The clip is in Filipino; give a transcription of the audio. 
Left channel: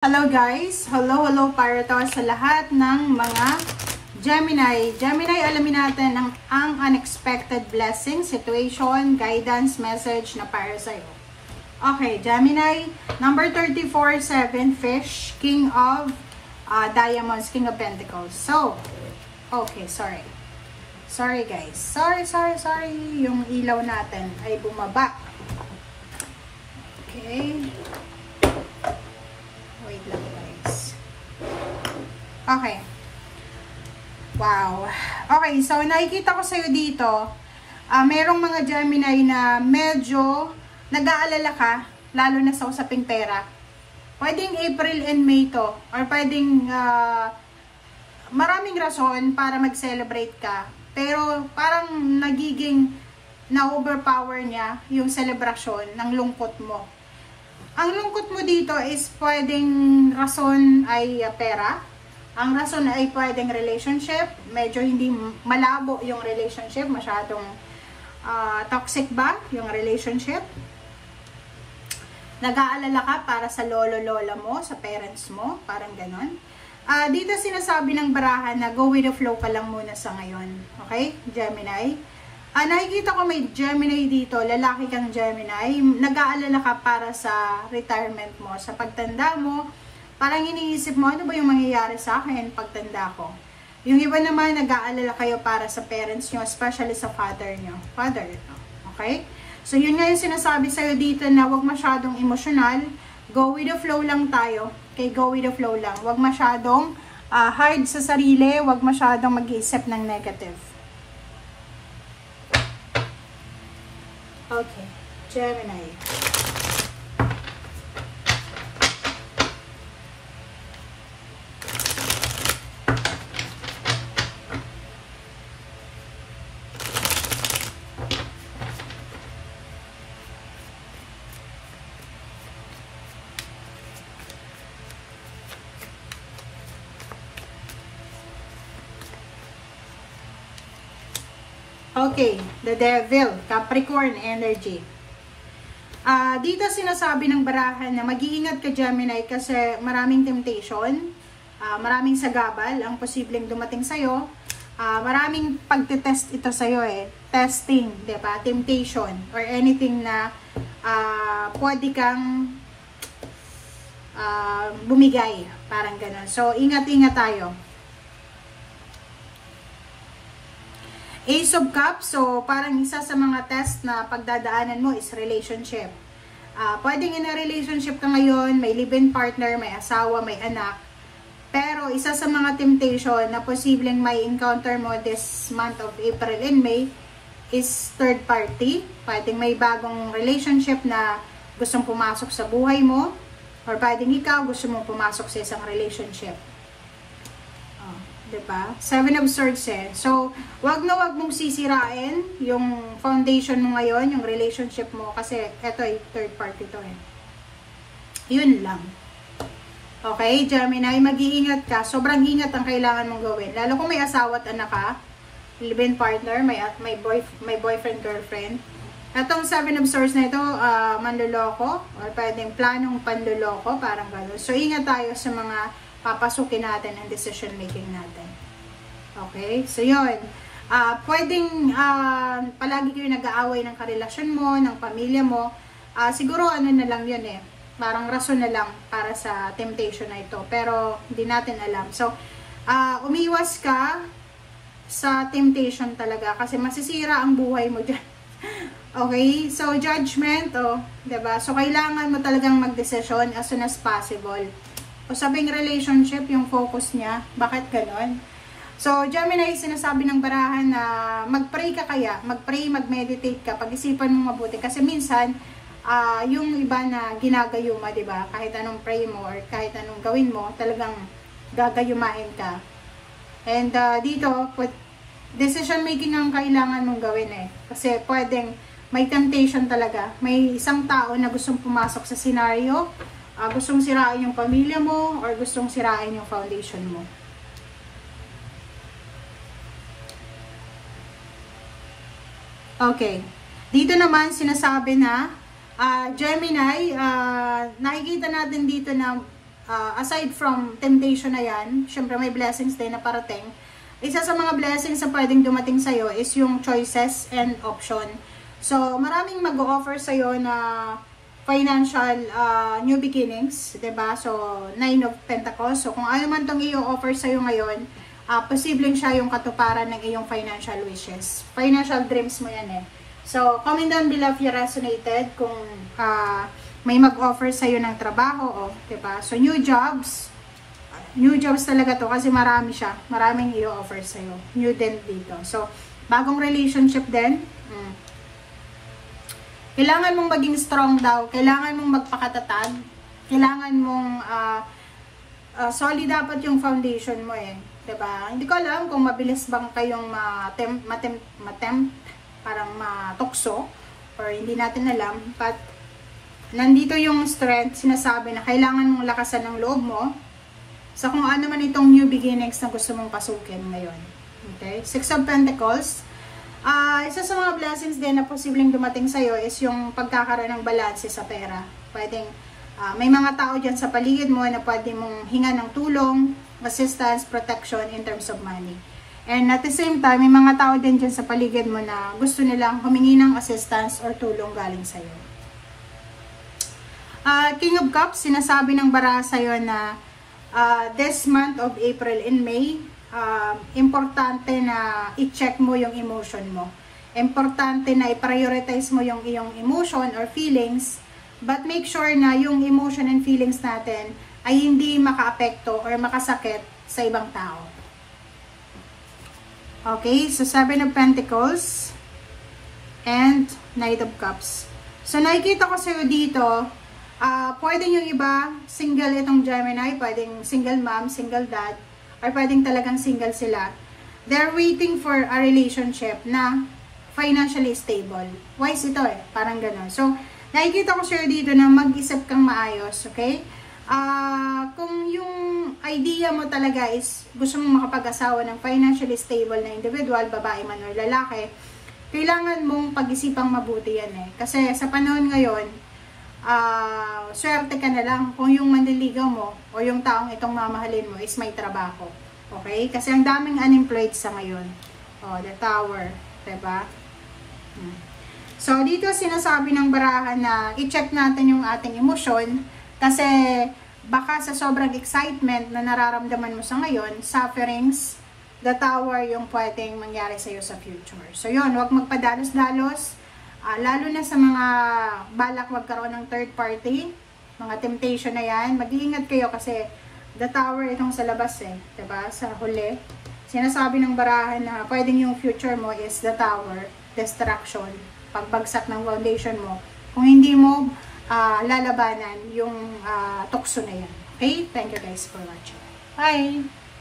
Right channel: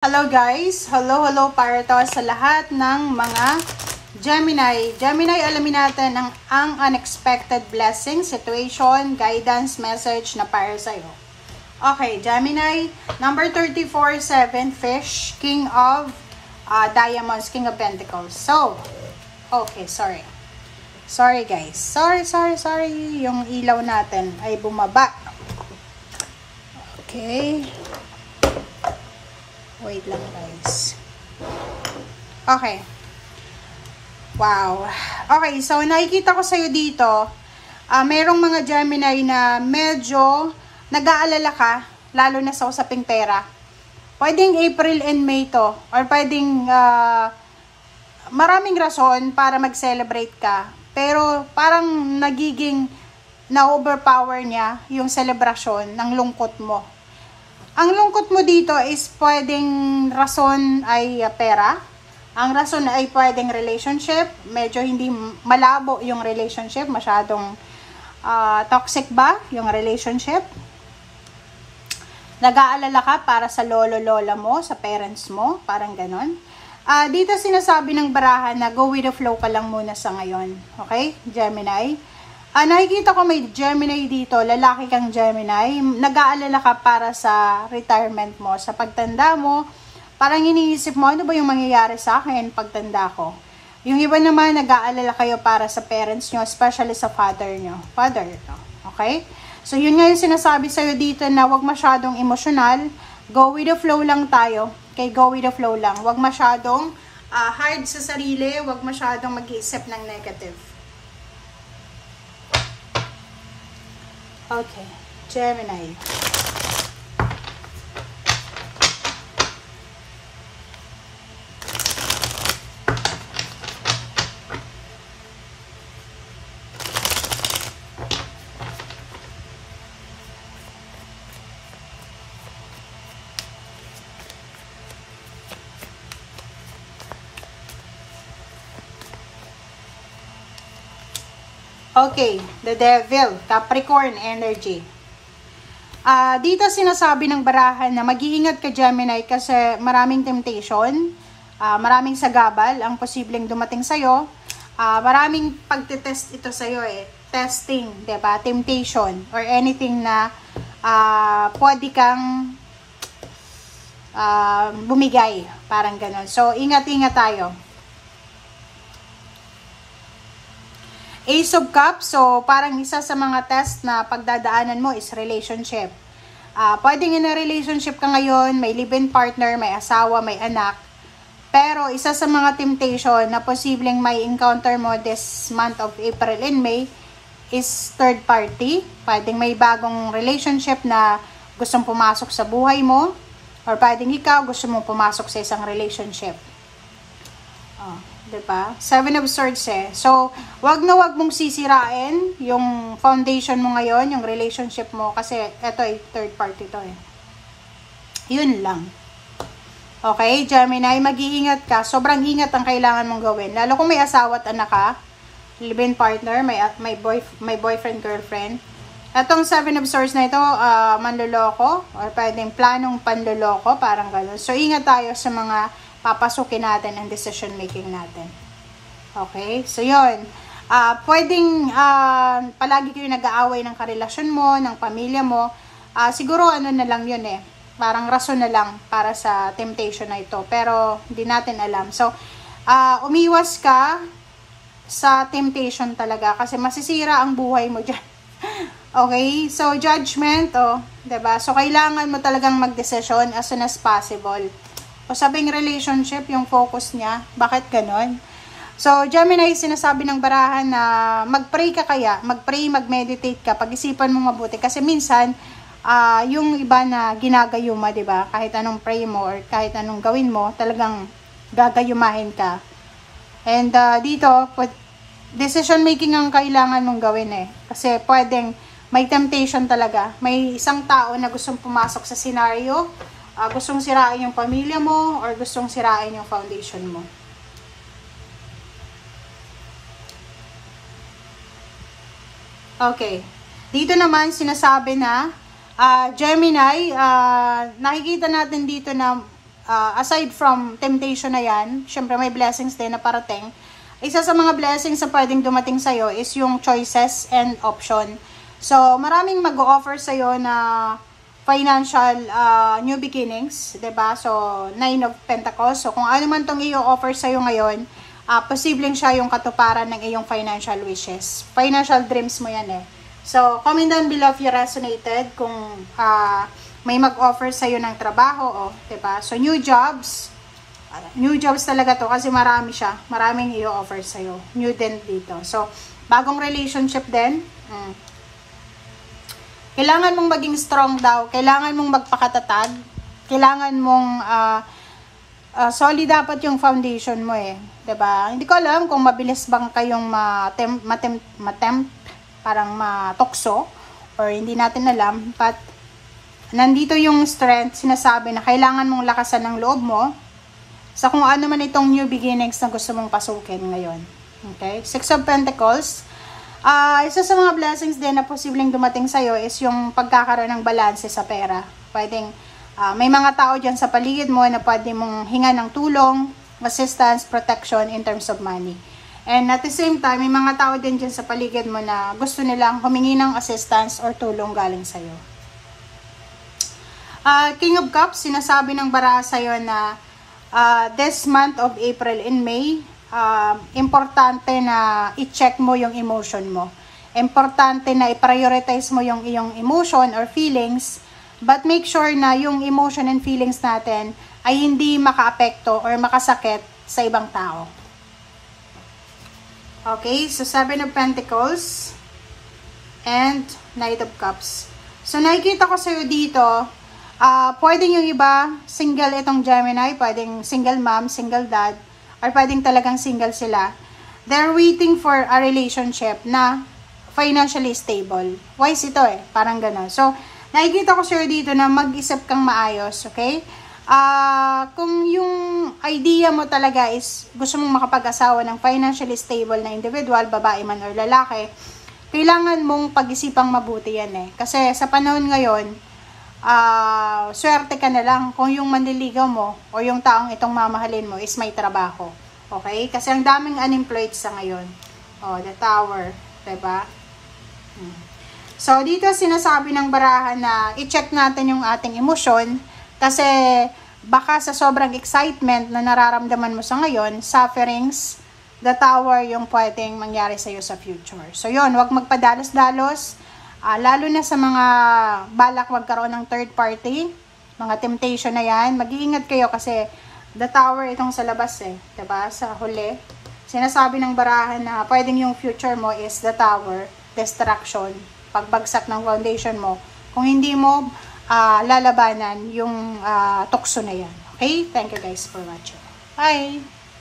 Hello guys! Hello para to sa lahat ng mga Gemini. Gemini, alamin natin ang unexpected blessing, situation, guidance, message na para sa'yo. Okay, Gemini, number 34, 7, Fish, King of Diamonds, King of Pentacles. So, okay, sorry. Sorry guys. Sorry. Yung ilaw natin ay bumaba. Okay. Wait lang guys. Okay. Wow. Okay, so nakikita ko sa'yo dito, merong mga Gemini na medyo nag-aalala ka, lalo na sa usaping pera. Pwedeng April and May to, or pwedeng maraming rason para mag-celebrate ka. Pero parang nagiging na-overpower niya yung celebration ng lungkot mo. Ang lungkot mo dito is pwedeng rason ay pera. Ang rason ay pwedeng relationship. Medyo hindi malabo yung relationship. Masyadong toxic ba yung relationship? Nag-aalala ka para sa lolo-lola mo, sa parents mo. Parang ganon. Dito sinasabi ng barahan na go with the flow ka lang muna sa ngayon. Okay, Gemini? Nakikita ko may Gemini dito, lalaki kang Gemini, nag-aalala ka para sa retirement mo, sa pagtanda mo, parang iniisip mo, ano ba yung mangyayari sa akin pagtanda ko? Yung iba naman, nag-aalala kayo para sa parents nyo, especially sa father nyo. Father ito, okay? So, yun nga yung sinasabi sa'yo dito na huwag masyadong emosyonal, go with the flow lang tayo, okay? Go with the flow lang. Huwag masyadong hard sa sarili, huwag masyadong mag-iisip ng negative. Okay, Gemini. Okay, the Devil, Capricorn energy. Dito sinasabi ng barahan na mag-iingat ka Gemini kasi maraming temptation, maraming sagabal ang posibleng dumating sa'yo, maraming pagtitest ito sa'yo testing, diba? Temptation or anything na pwede kang bumigay, parang ganun. So, ingat-ingat tayo. Ace of Cups, so parang isa sa mga test na pagdadaanan mo is relationship. Pwedeng in a relationship ka ngayon, may live-in partner, may asawa, may anak. Pero isa sa mga temptation na posibleng may encounter mo this month of April and May is third party. Pwedeng may bagong relationship na gustong pumasok sa buhay mo. Or pwedeng ikaw gusto mong pumasok sa isang relationship. Diba? Seven of Swords So, wag mong sisirain yung foundation mo ngayon, yung relationship mo, kasi ito ay third party to Yun lang. Okay, Gemini, mag-iingat ka. Sobrang ingat ang kailangan mong gawin. Lalo kung may asawa at anak ka, live-in partner, may boyfriend, girlfriend. Itong Seven of Swords na ito, manloloko, or pwedeng planong panloloko, parang gano'n. So, ingat tayo sa mga papasukin natin ang decision making natin. Okay? So, yun. Pwedeng palagi kayo nag-aaway ng karelasyon mo, ng pamilya mo. Siguro ano na lang yun Parang rason na lang para sa temptation na ito. Pero, hindi natin alam. So, umiwas ka sa temptation talaga kasi masisira ang buhay mo dyan. Okay? So, judgment, diba? So, kailangan mo talagang mag-desisyon as soon as possible. O sabing relationship, yung focus niya. Bakit ganon? So, Gemini, sinasabi ng barahan na mag-pray ka kaya. Mag-pray, mag-meditate ka. Pag-isipan mo mabuti. Kasi minsan, yung iba na ginagayuma, diba? Kahit anong pray mo or kahit anong gawin mo, talagang gagayumahin ka. And dito, decision making ang kailangan mong gawin Kasi pwedeng may temptation talaga. May isang tao na gustong pumasok sa scenario, gustong sirain yung pamilya mo or gustong sirain yung foundation mo. Okay. Dito naman sinasabi na Gemini, nakikita natin dito na aside from temptation na yan, syempre may blessings din na parating. Isa sa mga blessings na pwedeng dumating sa'yo is yung choices and option. So, maraming mag-o-offer sa'yo na financial new beginnings, 'di ba? So, Nine of Pentacles. So, kung ano man tong i-offer sa'yo ngayon, posibleng siya yung katuparan ng iyong financial wishes. Financial dreams mo yan eh. So, comment down below if you resonated kung may mag-offer sa'yo ng trabaho, 'di ba? So, new jobs talaga to kasi marami siya. Maraming i-offer sa'yo. New din dito. So, bagong relationship din. Kailangan mong maging strong daw. Kailangan mong magpakatatag. Kailangan mong solid dapat yung foundation mo eh. 'Di ba? Hindi ko alam kung mabilis bang kayong matempt, parang matokso, or hindi natin alam. But, nandito yung strength. Sinasabi na kailangan mong lakasan ng loob mo sa kung ano man itong new beginnings na gusto mong pasukin ngayon. Okay? Six of Pentacles. Isa sa mga blessings din na posibleng dumating sa'yo is yung pagkakaroon ng balanse sa pera. Pwedeng, may mga tao dyan sa paligid mo na pwede mong hinga ng tulong, assistance, protection in terms of money. And at the same time, may mga tao din dyan sa paligid mo na gusto nilang humingi ng assistance or tulong galing sa'yo. King of Cups, sinasabi ng baraha sa'yo na this month of April and May, importante na i-check mo yung emotion mo. Importante na i-prioritize mo yung iyong emotion or feelings, but make sure na yung emotion and feelings natin ay hindi makaapekto or makasakit sa ibang tao. Okay, so Seven of Pentacles and Knight of Cups. So nakikita ko sa'yo dito, pwedeng yung iba, single itong Gemini, pwedeng single mom, single dad, or pwedeng talagang single sila. They're waiting for a relationship na financially stable. Wise ito eh, parang gano'n. So, nakikita ko sir dito na mag-isip kang maayos, okay? Kung yung idea mo talaga is gusto mong makapag-asawa ng financially stable na individual, babae man or lalaki, kailangan mong pag-isipang mabuti yan eh. Kasi sa panahon ngayon, swerte ka na lang kung yung manliligaw mo o yung taong itong mamahalin mo is may trabaho. Okay? Kasi ang daming unemployed sa ngayon. The Tower. Diba? So, dito sinasabi ng barahan na i-check natin yung ating emosyon kasi baka sa sobrang excitement na nararamdaman mo sa ngayon, sufferings, the Tower yung pwedeng mangyari sa'yo sa future. So, yun, huwag magpadalos-dalos. Lalo na sa mga balak magkaroon ng third party, mga temptation na yan, mag-iingat kayo kasi the Tower itong sa labas eh, diba? Sa huli, sinasabi ng barahan na pwedeng yung future mo is the Tower, destruction, pagbagsak ng foundation mo. Kung hindi mo lalabanan yung tukso na yan. Okay? Thank you guys for watching. Bye!